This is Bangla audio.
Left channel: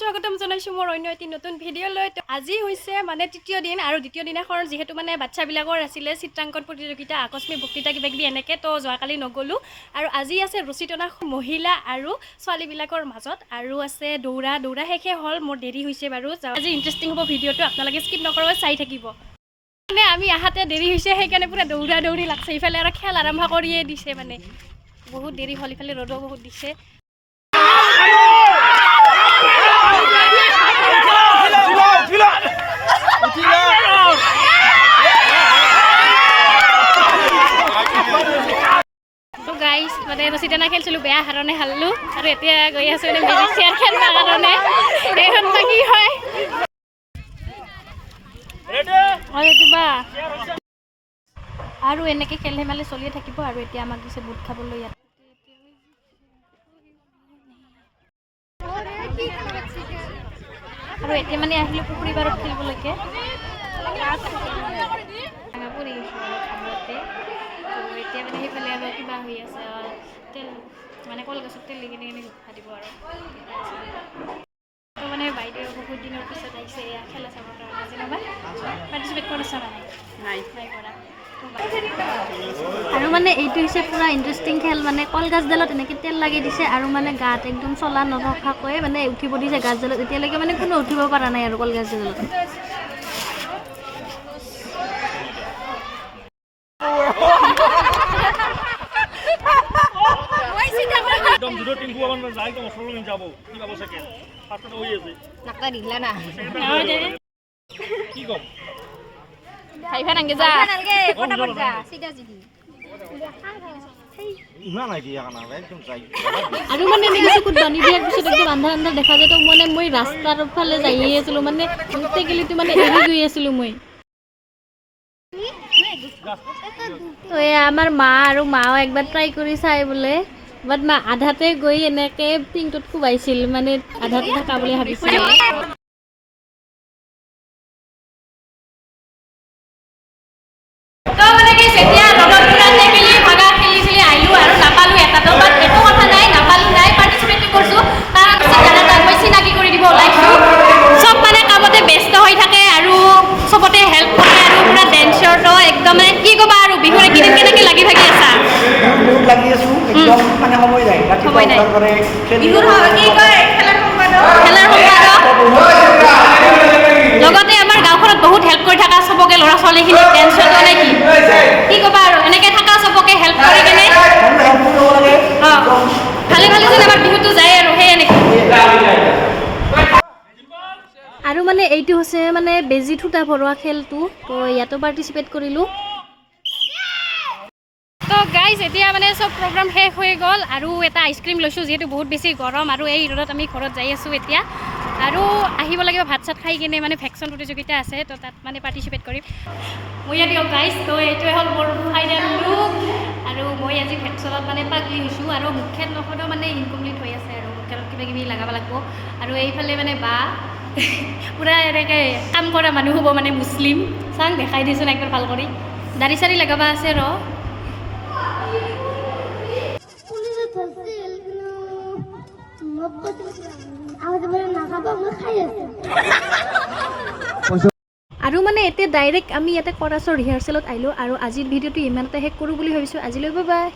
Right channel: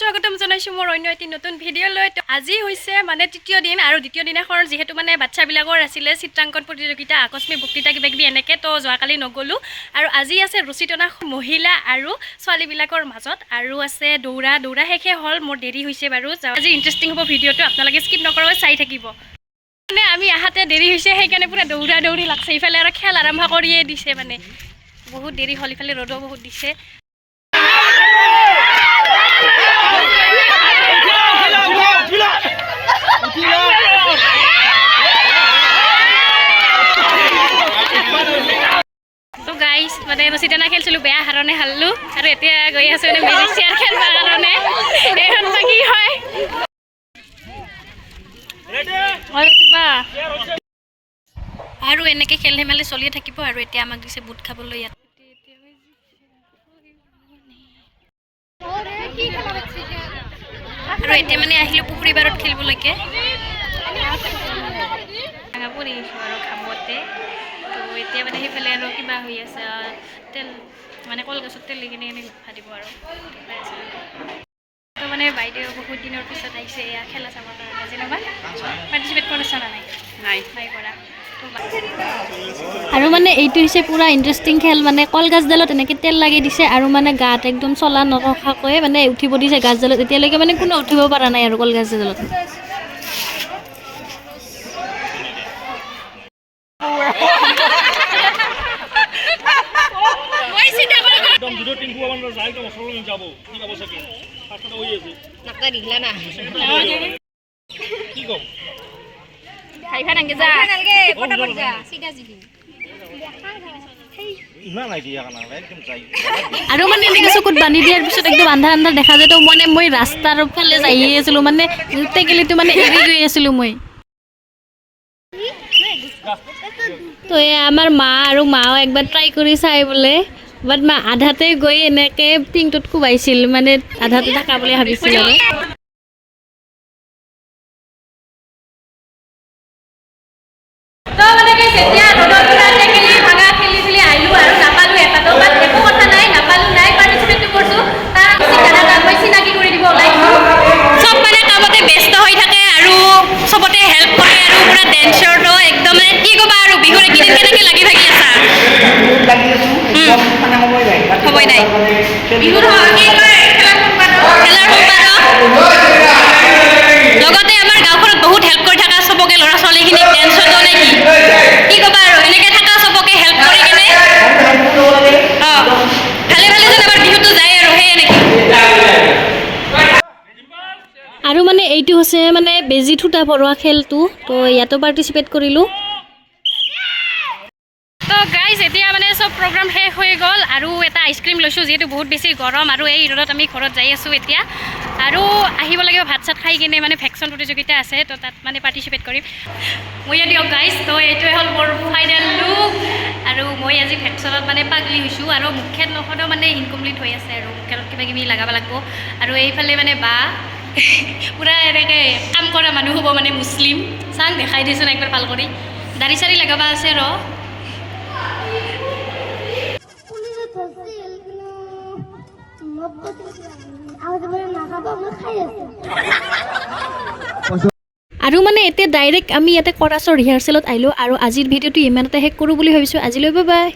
স্বাগতম জনাইছোঁ মোৰ অন্য এটি নতুন ভিডিঅ'লৈ। আজি হৈছে মানে তৃতীয় দিন আৰু দ্বিতীয় দিনাখন যিহেতু মানে বাচ্ছাবিলাকৰ আছিলে চিত্ৰাংকন প্ৰতিযোগিতা আকস্মিক বক্তৃতা কিবা কিবি এনেকৈ তো যোৱাকালি নগ'লোঁ। আৰু আজি আছে ৰছী টনা মহিলা আৰু ছোৱালীবিলাকৰ মাজত। আৰু আছে দৌৰা দৌৰা শেষে হ'ল মোৰ দেৰি হৈছে বাৰু। আজি ইণ্টাৰেষ্টিং হ'ব ভিডিঅ'টো আপোনালোকে স্কিপ নকৰাকৈ চাই থাকিব। মানে আমি আহাতে দেৰি হৈছে, সেইকাৰণে পূৰা দৌৰা দৌৰি লাগছে। ইফালে আৰু খেল আৰম্ভ কৰিয়ে দিছে মানে। বহুত দেৰি হ'ল, ইফালে ৰ'দো বহুত দিছে। মানে ৰছী টানা খেলিছিলোঁ, বেয়া হাৰণে হাৰলোঁ। আৰু এতিয়া গৈ আছোঁ মানে মেজিক চেয়াৰ খেলিবৰ কাৰণে। হয় কিবা আৰু এনেকৈ খেল ধেমালি চলিয়ে থাকিব আৰু এতিয়া আমাক দিছে বুট খাবলৈ ইয়াত। আৰু এতিয়া মানে আহিলোঁ পুখুৰী পাৰত খেলিবলৈকে। ভাঙা পৰি আহিছোঁ আৰু খাবতে। তো এতিয়া মানে সেইফালে আৰু কিবা হৈ আছে তেল মানে কলগছত তেল দি কিনে কিনে ভাজিব আৰু। মানে বাইদেউ বহুত দিনৰ পিছত আহিছে এয়া খেলা চাবৰ কাৰণে যেনিবা পাৰ্টিচিপেট কৰিছা না নাই? নাই। নাই কৰা। আৰু মানে এইটো হৈছে পূৰা ইণ্টাৰেষ্টিং খেল মানে কলগছডালত এনেকৈ তেল লাগি দিছে আৰু মানে গাত একদম চলা নৰখাকৈ মানে উঠিব দিছে গাছডালত। এতিয়ালৈকে মানে কোনো উঠিব পৰা নাই আৰু কলগছডালত। একদম দুটো টিঙ্কু আমার যাই তো মশলা নিয়ে কি পাবো কি কম? নাংগে যা? ফটাফট যা। সিধা সিধি আৰু মানে এনেকৈ চকুত বান্ধি দিয়াৰ পিছত একদম আন্ধা আন্ধা দেখা যায়। তো মানে মই ৰাস্তাৰ ফালে যায়ে আছিলোঁ মানে টেকেলিটো মানে এৰি গৈ আছিলোঁ মই। তো এই আমাৰ মা আৰু মাও একবাৰ ট্ৰাই কৰি চাই বোলে। বাট মা আধাতে গৈ এনেকে টিংটোত কোবাইছিল মানে আধাতে থকা বুলি ভাবিছিল। মানে কি যেতিয়া ৰ'দত পুৰা টেকেলি ভাগা খেলি খেলি আহিলোঁ আৰু নাপালোঁ এটাতো বাট একো কথা নাই নাপালোঁ নাই পাৰ্টিচিপেটটো কৰিছোঁ। তাৰ চিনাকি তাক মই চিনাকি কৰি দিব ওলাইছোঁ। চব মানে কামতে ব্যস্ত হৈ থাকে আৰু চবতে হেল্প কৰে আৰু পুৰা ডেন্সৰটো একদম মানে কি ক'বা আৰু বিহুৰ এইকেইদিন কেনেকৈ লাগি ভাগি আছা। লগতে আমাৰ গাঁওখনত বহুত হেল্প কৰি থকা চবকে, ল'ৰা ছোৱালীখিনিক ডেন্সতো নে কি কি ক'বা আৰু, এনেকৈ থকা চবকে হেল্প কৰি কিনে। অঁ, ভালে ভালে যেন আমাৰ বিহুটো যায় আৰু, সেয়ে নেকি? আৰু মানে এইটো হৈছে মানে বেজী ঠুটা পৰোৱা খেলটো, তো ইয়াতো পাৰ্টিচিপেট কৰিলোঁ। গাইজ এতিয়া মানে চব প্ৰগ্ৰাম শেষ হৈ গ'ল আৰু এটা আইচক্ৰীম লৈছোঁ, যিহেতু বহুত বেছি গৰম আৰু এই ৰ'দত আমি ঘৰত যাই আছোঁ এতিয়া। আৰু আহিব লাগিব, ভাত চাত খাই কিনে মানে ভেকচন প্ৰতিযোগিতা আছে, তো তাত মানে পাৰ্টিচিপেট কৰিম। মই দিয়ক গাইজ তো এইটোৱে হ'ল মোৰ ফাইনেল লুক আৰু মই আজি ভেকচনত মানে পাগলি হৈছোঁ আৰু মুখেত নখনো মানে ইনকমপ্লিট হৈ আছে আৰু, মুখেত কিবা কিবি লগাব লাগিব। আৰু এইফালে মানে বা, পূৰা এনেকৈ কাম কৰা মানুহ হ'ব মানে মুছলিম। চাং, দেখাই দিছোন একবাৰ ভালো কৰি দাড়ি চাৰি লগাব আছে ৰ পুলিশে ধরছে মব্বত আমাদের বলে না খাব আমরা খাই আছে আৰু মানে এতিয়া ডাইৰেক্ট আমি ইয়াতে কৰাছৰ ৰিহাৰ্চেলত আহিলোঁ আৰু আজিৰ ভিডিঅ'টো ইমানতে শেষ কৰোঁ বুলি ভাবিছোঁ। আজিলৈ বাই বাই